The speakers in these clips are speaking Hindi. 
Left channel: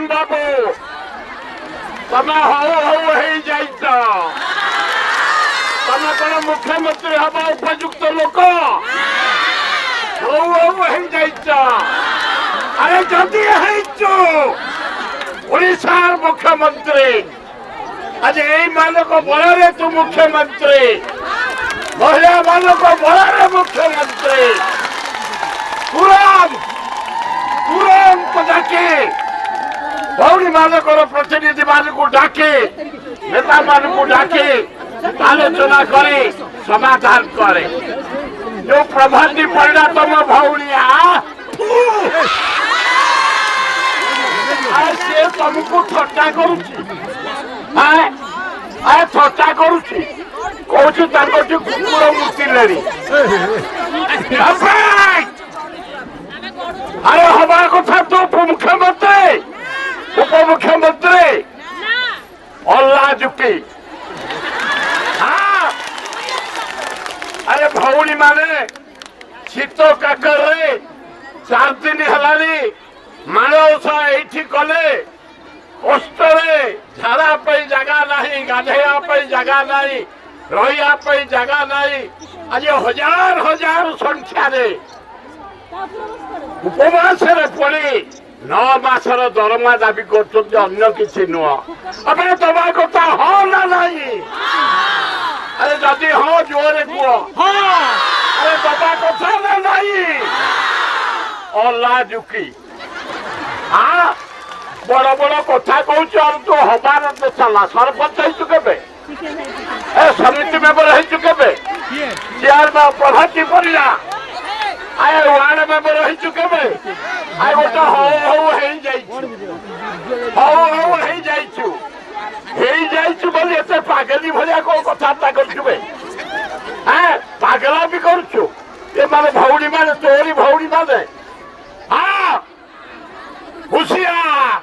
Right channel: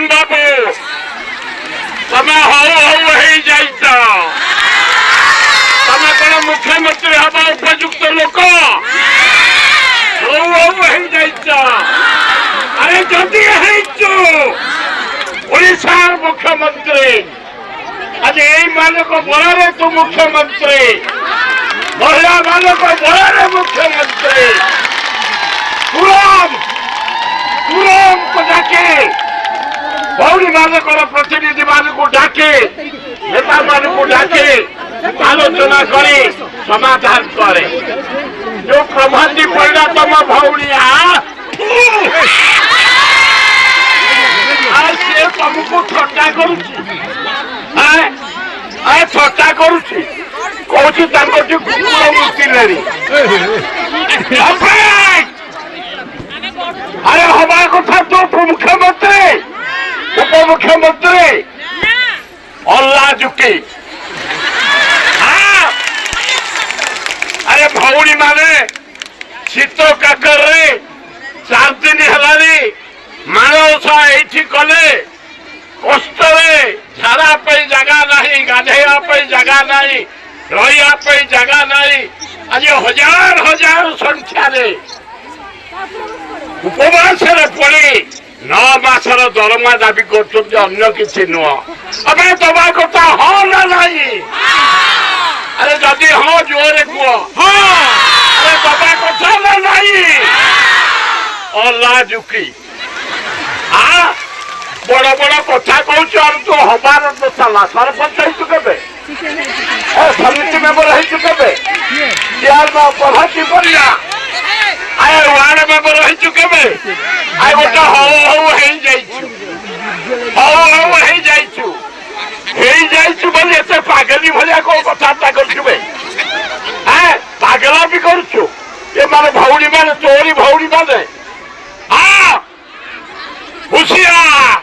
नवीन बाबू तमे तमे कौन मुख्यमंत्री हवा उपयुक्त लोक अरे जदि ओडिशार मुख्यमंत्री आज यही मानक बल तू मुख्यमंत्री महिला मानक बल मुख्यमंत्री तुरंत डाके भौणी मानक प्रतिनिधि मानक डाके नेता मानक डाके आलोचना करे समाधान करे जो प्रभाती पड़ा तुम भौणिया से तुमको थट्टा करुच्छी थट्टा करुच्छी कौन कुकुर मुतिले अरे हवा कथा तो उपमुख्यमंत्री अल्लाह झुकी अरे भौणी माने शीत काकर 4 दिन है मानवसा ये कले कष्ट झाड़ा जगह नहीं गाधेवा जगह नहीं रहा जगह नहीं आज हजार हजार संख्या उपवास पड़ी 9 मासर दरमा दाबी कर किसी नुह अबे दबा कथा हाँ ना नहीं अरे जदि हाँ जोरे कह अरे दबा कथा ना नहीं अल्लाह झुकी बड़ बड़ कथा कहूँ तू हबार साला सरपंच के समिति मेम्बर के चेयरमैन प्रभाती पड़िया आए वार्ड मेम्बर के आए गोटे बोली एत पागली भाया कौन कथबार्ता करे पागला भी करुचु ये माने भौणी माने तोरी भौणी माने हुशियार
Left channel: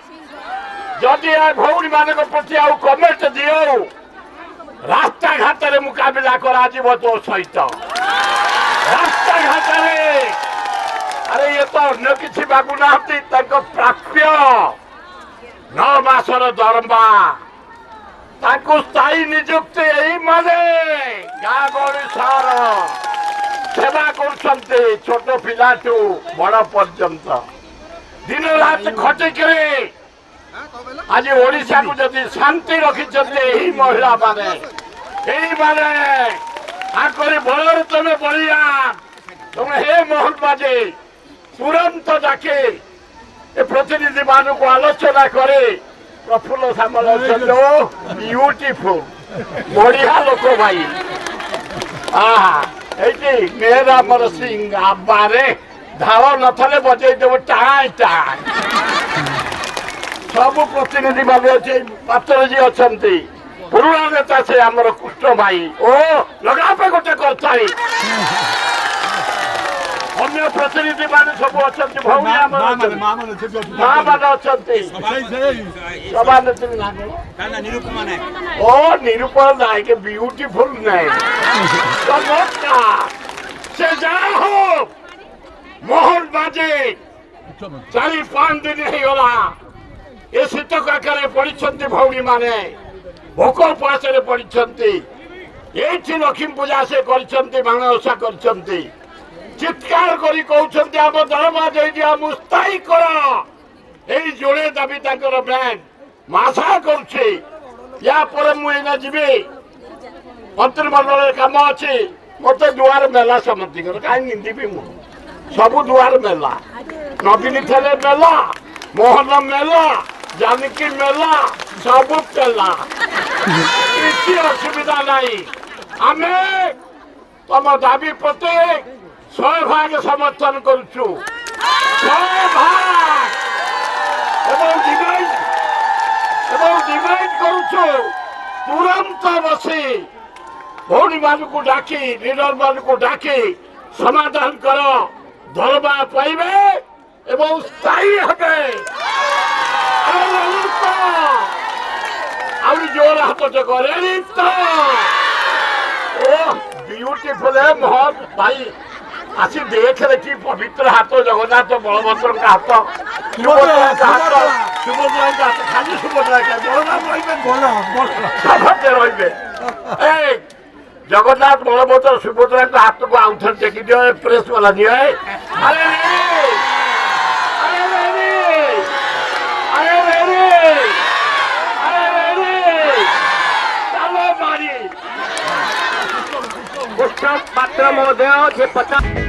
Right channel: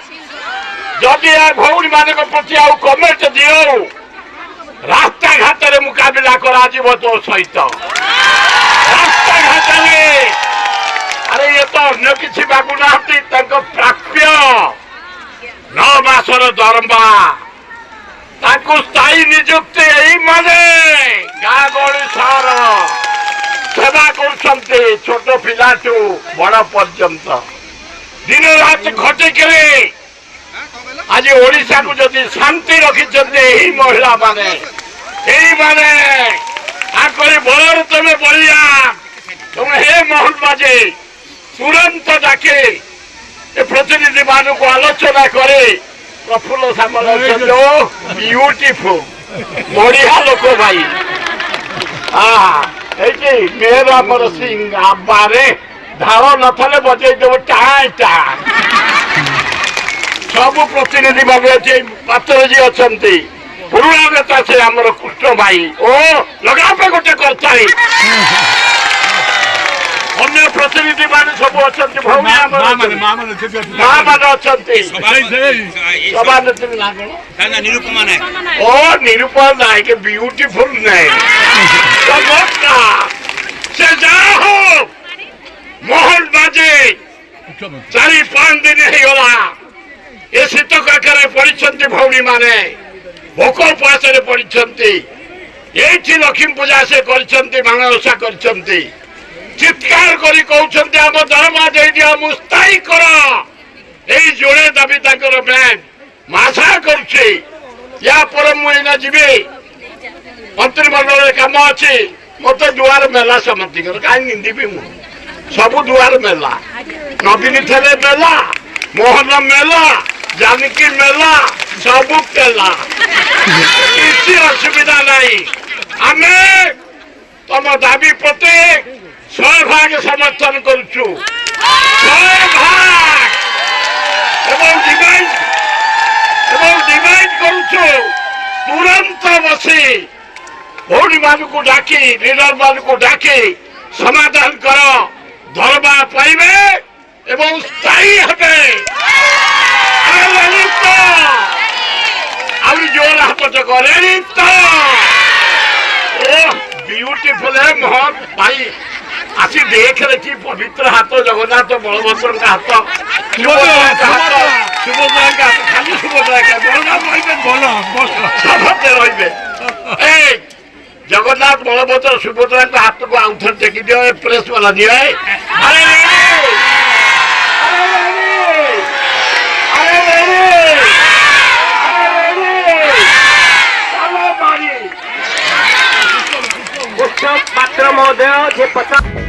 जदि भौणी मान प्रति आउ कमेंट दियो रास्ता घाट रे मुकाबला करा तो सहित रास्ता घाट अरे ये तो अन्य किसी बाबू ना प्राप्य 9 मासर दरमा स्थायी निजुक्ति यही माने गाँ गहली सहर सेवा कर छोट पिला बड़ पर्यंत दिन रात खटिक आज ओडिशा को जदि शांति रखी महिला माने बल तुम बढ़िया तुम हे मोहन बाजे तुरंत डाके प्रतिनिधि मान को आलोचना करे प्रफुल्ल सामल ब्यूटीफुल बढ़िया लोक भाई मेहर आमर सिंह आबारे धार नथले बजे देव टाण टाण सब प्रतिनिधि मान पात्र जी अच्छा पुराणा नेता से आमर कृष्ण भाई ओ लगा पे गोटे करता अन्य प्रतिनिधि मान सब अच्छा भौणी माँ मान अच्छा सभानेत्री ना कौन ओ निरूपमा नायक ब्यूटीफुल नायक से जा हो मोहन बाजे 4-5 दिन होगा ये शीत काकर पड़ी भौणी माने भोक उपास पड़ी ये लक्ष्मी पूजा से माणवसा कर चित्कार करी कहते आम दरमा दे दिया मुस्ताई कर जोड़े दाबी ब्यान आशा करुच्छे या मुझे जीवी मंत्रिमंडल कम अच्छी मत दुआर मेला समझी कहीं निंदी मु सब दुआर मेला नवीन थे मेला मोहन मेला जानकी मेला सब पेला किसी असुविधा नहीं आम तुम दाबी प्रति 100 भाग समर्थन करुचु 100 भाग डिमांड करुचु तुरंत बसी भौणी मान को डाकी लीडर मान को डाकी समाधान कर धर्मा पाइबे एवं स्थायी हे जोर हाथ चक ब्यूटीफुल है मोहन भाई आसी देख रखी पवित्र हाथ जगन्नाथ बलभद्र का हाथ সুভদ্রাঙ্কা খালি সুভদ্রাঙ্কা বলনা রইবেন বলো বলো সভাতে রইবে এই জগন্নাথ বলভদ্র সুভদ্রাঙ্ক হাতକୁ ଆଉଥରେ ଟେକି ଦିଅ ଏ ପ୍ରେସ ବାଲା ଦିଅ ଆରେ उत्सव पात्र महोदय जे 50